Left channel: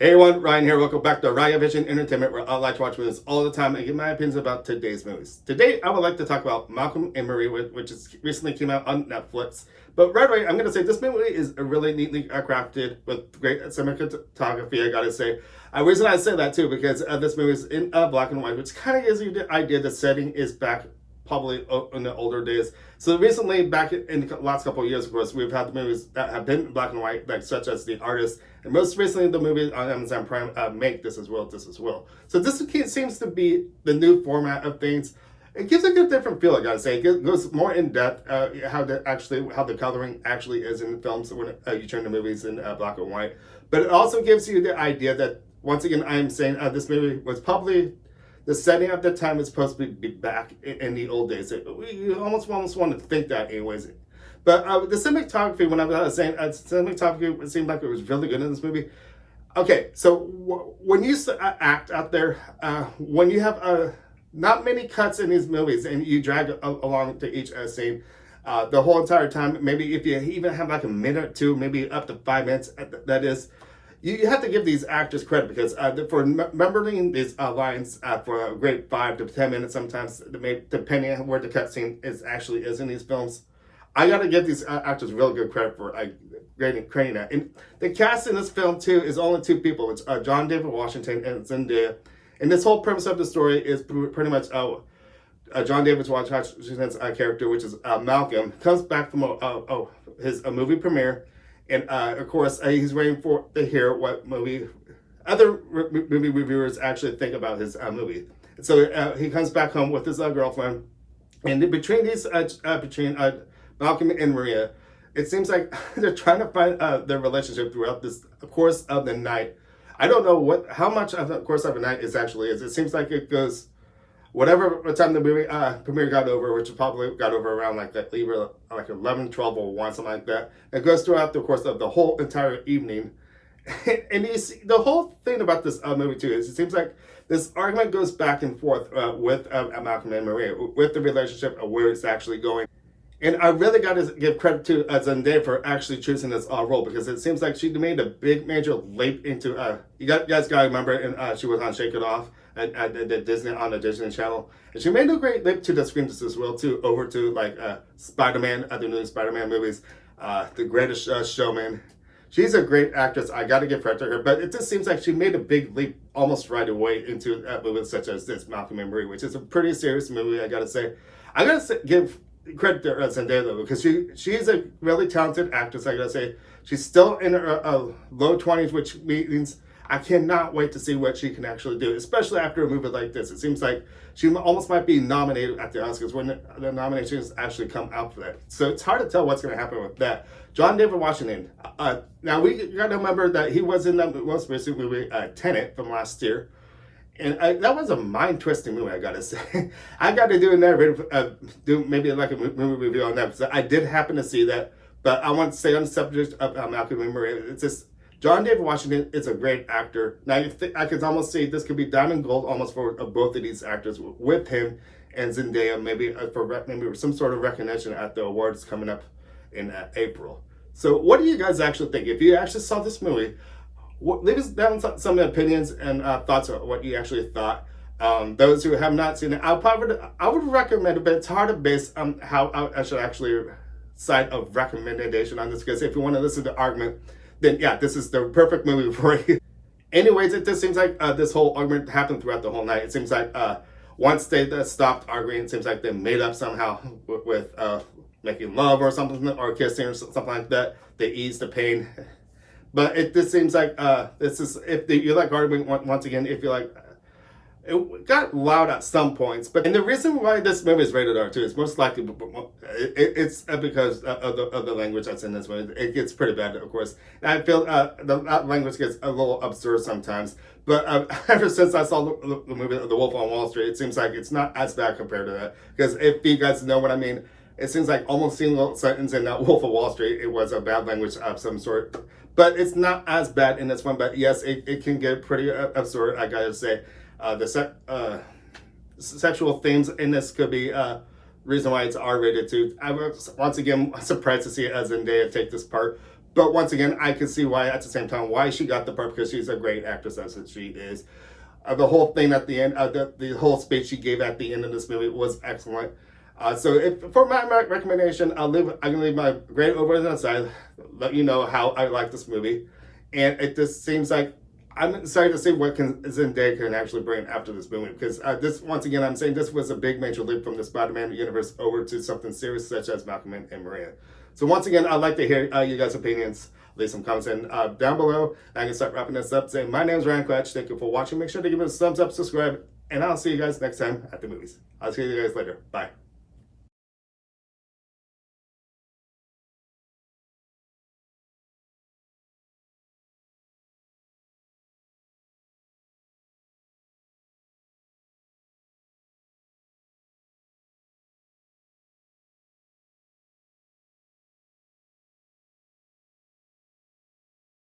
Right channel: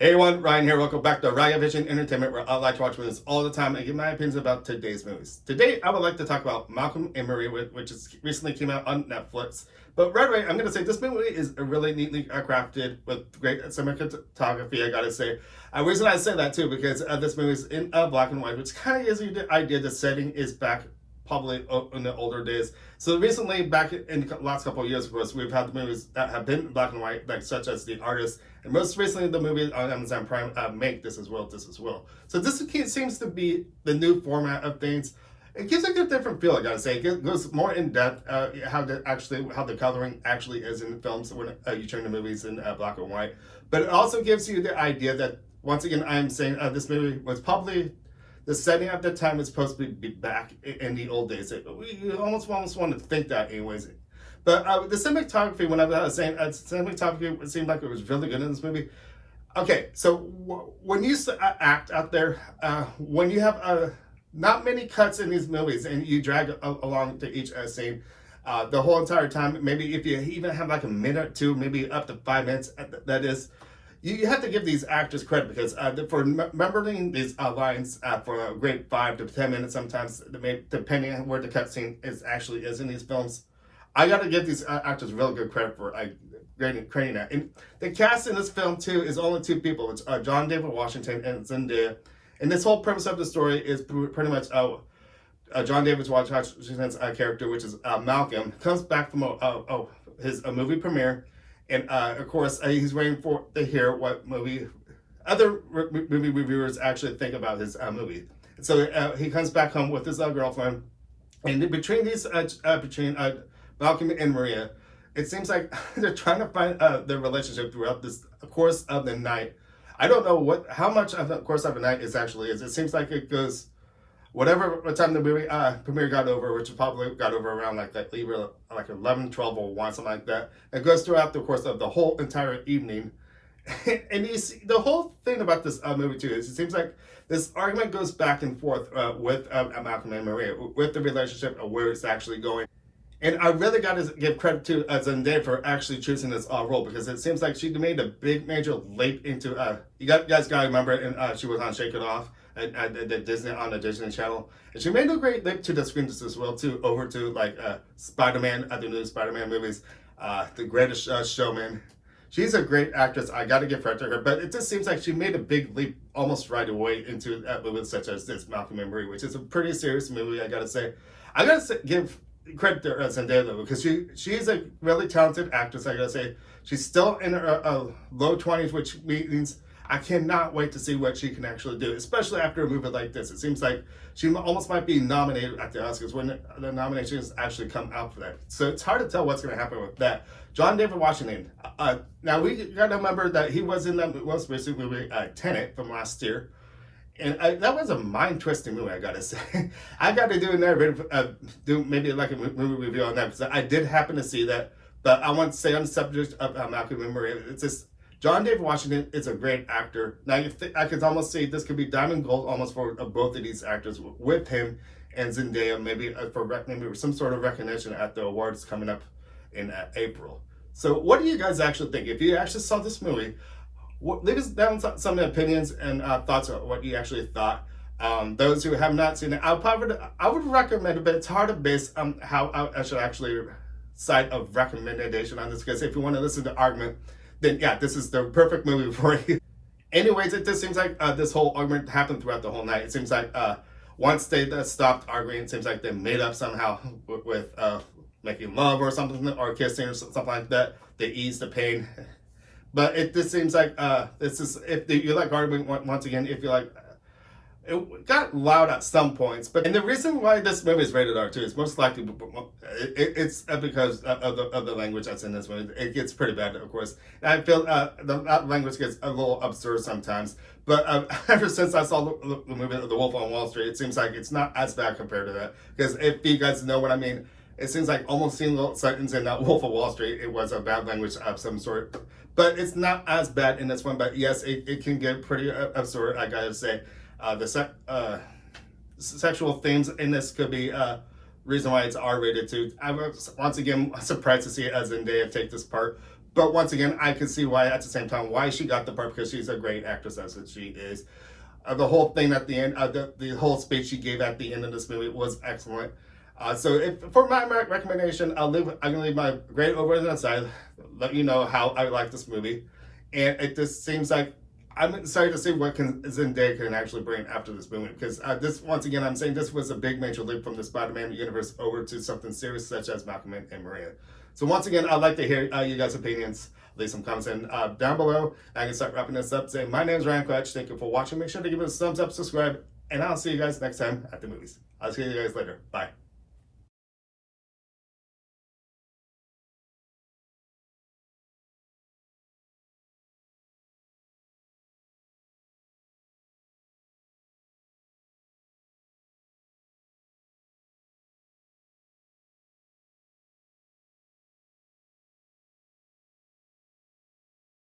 Hey everyone, Ryan here. Welcome back to Ryan Vision Entertainment, where I like to watch movies all the time and give my opinions about today's movies. Today, I would like to talk about Malcolm and Marie, which is recently came out on Netflix. But right away, I'm going to say this movie is really neatly crafted with great cinematography, I gotta say. The reason I say that too, because this movie is in black and white, which kind of gives you the idea the setting is back probably in the older days. So recently, back in the last couple of years, of course, we've had the movies that have been black and white, like such as The Artist, and most recently the movie on Amazon Prime, Make This As Well, This As Well. So this seems to be the new format of things. It gives a good different feel, I gotta say. It goes more in depth, how the coloring actually is in the films when you turn the movies in black and white. But it also gives you the idea that, once again, I'm saying this movie was probably the setting at the time is supposed to be back in the old days. We almost want to think that anyways. But the cinematography, when I was saying cinematography, it seemed like it was really good in this movie. Okay, so when you act out there, when you have not many cuts in these movies and you drag along to each scene, the whole entire time, maybe if you even have like a minute or two, maybe up to 5 minutes, that is, you have to give these actors credit because for remembering these lines for a great 5 to 10 minutes, sometimes depending on where the cutscene actually is in these films. I got to give these actors real good credit for creating that. And the cast in this film too is only two people. It's John David Washington and Zendaya. And this whole premise of the story is pretty much John David Washington's character, which is Malcom, comes back from his movie premiere. And of course, he's waiting to hear what other movie reviewers actually think about his movie. So he comes back home with his girlfriend, and between Malcolm and Maria, it seems like they're trying to find their relationship throughout this course of the night. I don't know how much of the course of the night actually is. It seems like it goes whatever time the movie premiere got over, which probably got over around like 11, 12, or 1, something like that. It goes throughout the course of the whole entire evening. And you see, the whole thing about this movie too is it seems like this argument goes back and forth with Malcolm and Maria, with the relationship of where it's actually going. And I really got to give credit to Zendaya for actually choosing this role, because it seems like she made a big major leap into, you guys got to remember, and she was on Shake It Off at the Disney Channel. And she made a great leap to the screens as well, too, over to like Spider-Man, the new Spider-Man movies, The Greatest Showman. She's a great actress. I got to give credit to her, but it just seems like she made a big leap almost right away into movies such as this, Malcolm and Marie, which is a pretty serious movie, I got to say. I got to give credit to Zendaya though, because she's a really talented actress, I gotta say. She's still in her low 20s, which means I cannot wait to see what she can actually do, especially after a movie like this. It seems like she almost might be nominated at the Oscars when the nominations actually come out for that. So it's hard to tell what's going to happen with that. John David Washington. Now we got to remember that he was in the most recent movie, Tenet, from last year. And that was a mind-twisting movie, I gotta say. I got to do a narrative, do maybe like a movie review on that, because I did happen to see that. But I want to say on the subject of Malcolm and Maria, it's just, John David Washington is a great actor. Now, I could almost say this could be diamond gold almost for both of these actors, with him and Zendaya, maybe for some sort of recognition at the awards coming up in April. So what do you guys actually think? If you actually saw this movie, leave us down some opinions and thoughts on what you actually thought. Those who have not seen it, I would recommend it, but it's hard to base how I should actually cite a recommendation on this, because if you want to listen to argument, then yeah, this is the perfect movie for you. Anyways, it just seems like this whole argument happened throughout the whole night. It seems like once they stopped arguing, it seems like they made up somehow with making love or something, or kissing or something like that. They eased the pain. But it just seems like this is, if you like arguing, once again, if you like, it got loud at some points. And the reason why this movie is rated R too is most likely it's because of the language that's in this movie. It gets pretty bad, of course. And I feel that language gets a little absurd sometimes. But ever since I saw the movie The Wolf on Wall Street, it seems like it's not as bad compared to that. Because if you guys know what I mean, it seems like almost single sentence in that Wolf of Wall Street, it was a bad language of some sort. But it's not as bad in this one. But yes, it can get pretty absurd, I gotta say. The sexual themes in this could be reason why it's R-rated too. I was once again surprised to see Zendaya take this part. But once again, I can see why at the same time why she got the part, because she's a great actress as she is. The whole thing at the end, the whole speech she gave at the end of this movie was excellent. For my recommendation, I'm gonna leave my grade over on the side. Let you know how I like this movie, and it just seems like I'm excited to see what Zendaya can actually bring after this movie, because this, once again, I'm saying this was a big major leap from the Spider-Man universe over to something serious such as Malcom and Maria. So once again, I'd like to hear you guys' opinions. Leave some comments in down below. I can start wrapping this up saying my name is Ryan Quatch. Thank you for watching. Make sure to give it a thumbs up, subscribe, and I'll see you guys next time at the movies. I'll see you guys later. Bye.